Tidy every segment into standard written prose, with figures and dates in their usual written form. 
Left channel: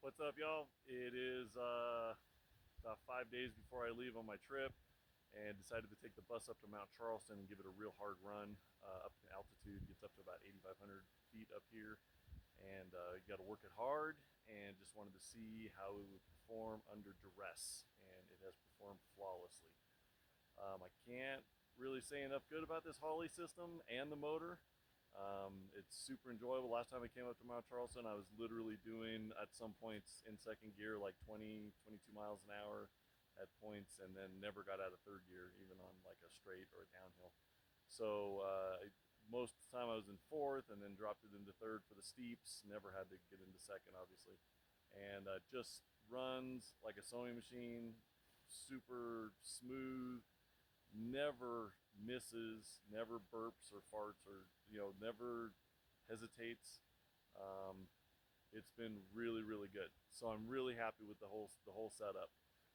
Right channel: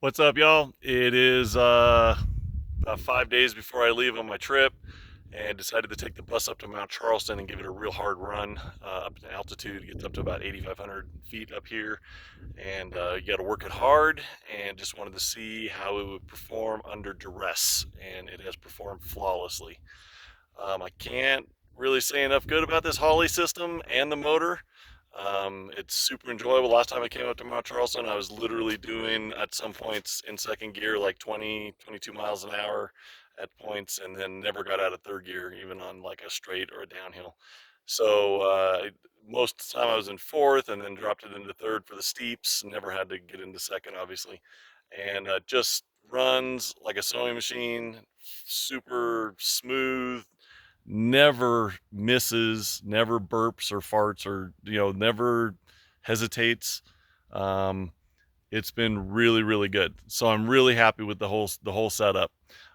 What's up, y'all? It is about 5 days before I leave on my trip, and decided to take the bus up to Mount Charleston and give it a real hard run up to altitude. It gets up to about 8,500 feet up here, and you got to work it hard. And just wanted to see how it would perform under duress, and it has performed flawlessly. I can't really say enough good about this Holly system and the motor. It's super enjoyable. Last time I came up to Mount Charleston, I was literally doing at some points in second gear like 20, 22 miles an hour at points, and then never got out of third gear, even on like a straight or a downhill. So most of the time I was in fourth, and then dropped it into third for the steeps. Never had to get into second, obviously, and just runs like a sewing machine, super smooth, never misses, never burps or farts, or never hesitates. Um, it's been really, really good. So I'm really happy with the whole setup.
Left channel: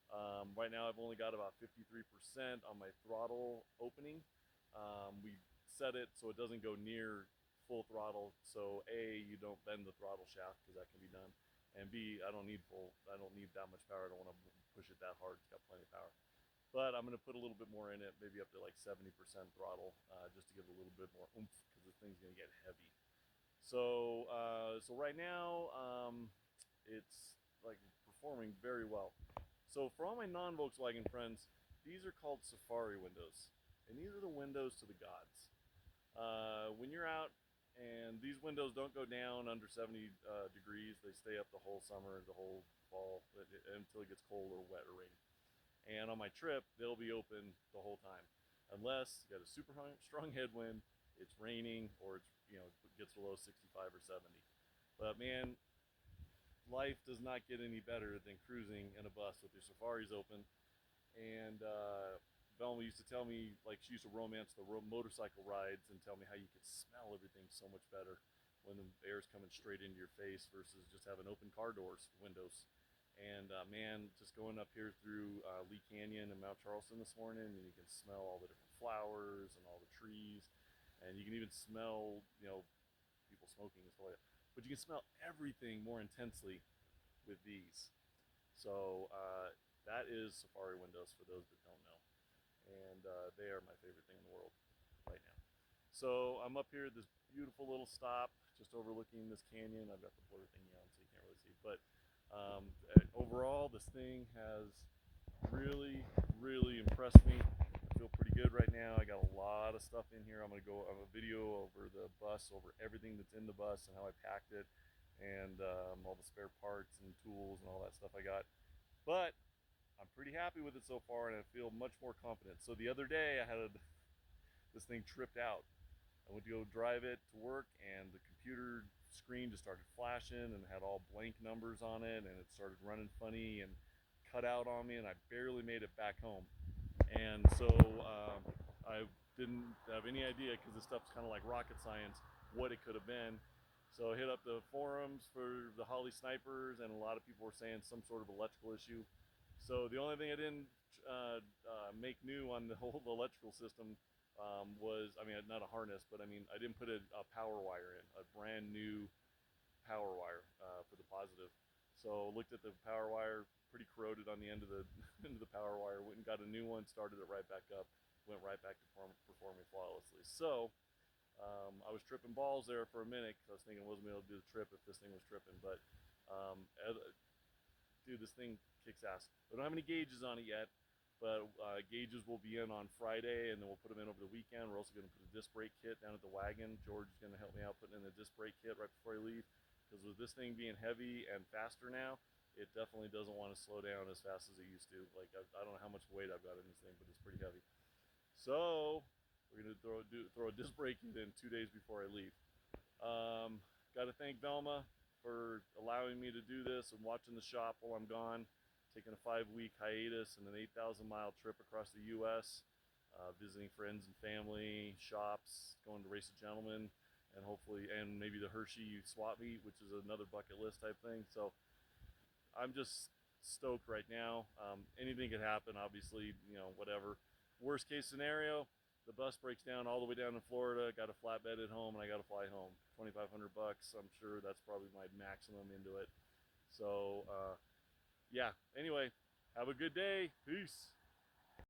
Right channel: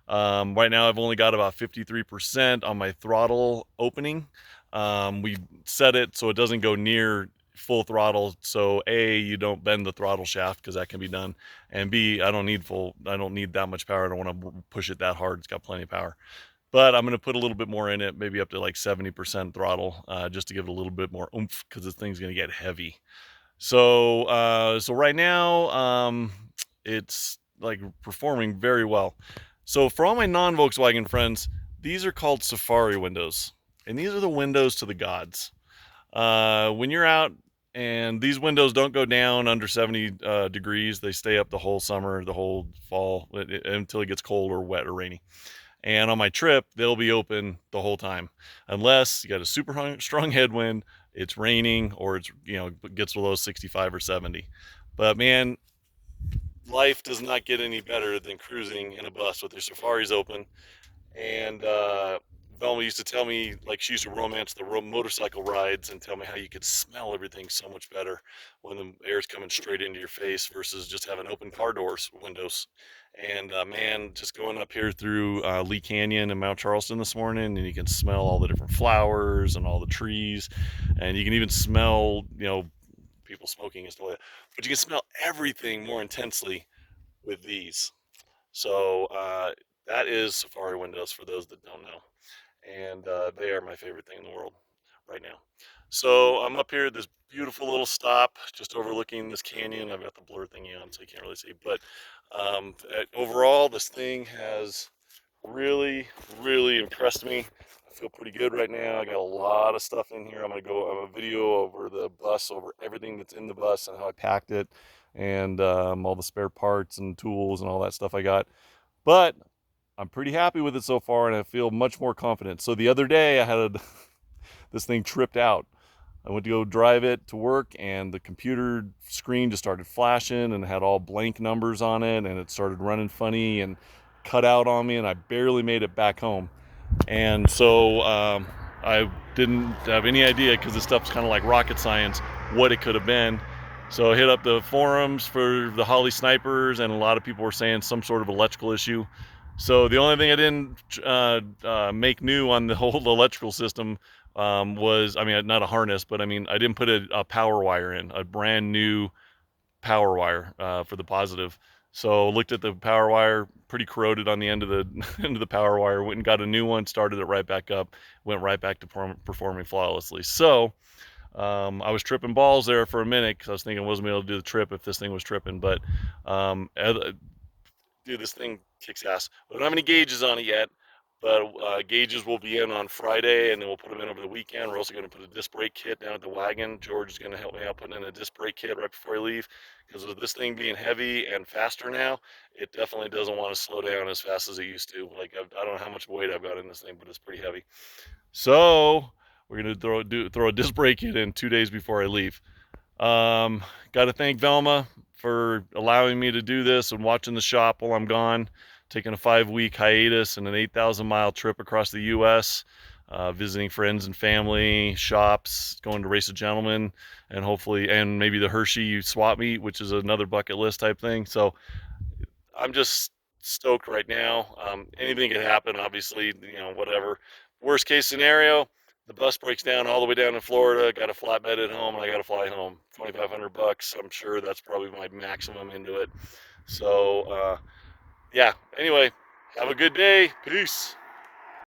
Right now, I've only got about 53% on my throttle opening. We set it so it doesn't go near full throttle. So A, you don't bend the throttle shaft because that can be done, and B, I don't need full. I don't need that much power. I don't want to push it that hard. It's got plenty of power, but I'm going to put a little bit more in it, maybe up to like 70% throttle, just to give it a little bit more oomph because this thing's going to get heavy. So right now, it's like performing very well. So for all my non-Volkswagen friends, these are called Safari windows, and these are the windows to the gods. When you're out, and these windows don't go down under 70 degrees, they stay up the whole summer, the whole fall, until it gets cold or wet or rainy. And on my trip, they'll be open the whole time, unless you got a super strong headwind, it's raining, or it's gets below 65 or 70. But man, life does not get any better than cruising in a bus with your safaris open. And Velma used to tell me, like, she used to romance the motorcycle rides and tell me how you could smell everything so much better when the air's coming straight into your face versus just having open car doors, windows. And man, just going up here through Lee Canyon and Mount Charleston this morning, and you can smell all the different flowers and all the trees, and you can even smell, people smoking and stuff like that. But you can smell everything more intensely with these. So that is Safari windows for those that don't know, and they are my favorite thing in the world right now. So I'm up here at this beautiful little stop, just overlooking this canyon. I've got the blur thingy on, so you can't really see. But overall, this thing has really, really impressed me. I feel pretty good right now. I got a lot of stuff in here. I'm gonna go. I'm a video over the bus, over everything that's in the bus and how I packed it, and all the spare parts and tools and all that stuff I got. But I'm pretty happy with it so far, and I feel much more confident. So the other day, I had this thing tripped out. I went to go drive it to work, and the computer screen just started flashing and had all blank numbers on it, and it started running funny and cut out on me, and I barely made it back home. And so I didn't have any idea, because this stuff's kind of like rocket science, what it could have been. So I hit up the forums for the Holly snipers, and a lot of people were saying some sort of electrical issue. So the only thing I didn't make new on the whole electrical system was, I mean, not a harness, but I mean, I didn't put a power wire in, a brand new power wire for the positive. So looked at the power wire, pretty corroded on the end of the end of the power wire. Went and got a new one, started it right back up, went right back to performing flawlessly. So I was tripping balls there for a minute because I was thinking I wasn't able to do the trip if this thing was tripping. But um, dude, this thing kicks ass. We don't have any gauges on it yet, but gauges will be in on Friday, and then we'll put them in over the weekend. We're also going to put a disc brake kit down at the wagon. George is going to help me out putting in a disc brake kit right before I leave, because with this thing being heavy and faster now, it definitely doesn't want to slow down as fast as it used to. Like, I don't know how much weight I've got in this thing, but it's pretty heavy. So we're going to throw a disc brake kit in 2 days before I leave. Um, got to thank Velma for allowing me to do this and watching the shop while I'm gone, taking a 5 week hiatus and an 8,000 mile trip across the U.S., visiting friends and family, shops, going to Race of Gentlemen, and hopefully, and maybe the Hershey swap meet, which is another bucket list type thing. So I'm just stoked right now. Anything could happen, obviously, whatever. Worst case scenario, the bus breaks down all the way down in Florida. Got a flatbed at home, and I got to fly home. 2,500 bucks. I'm sure that's probably my maximum into it. So yeah. Anyway, have a good day. Peace.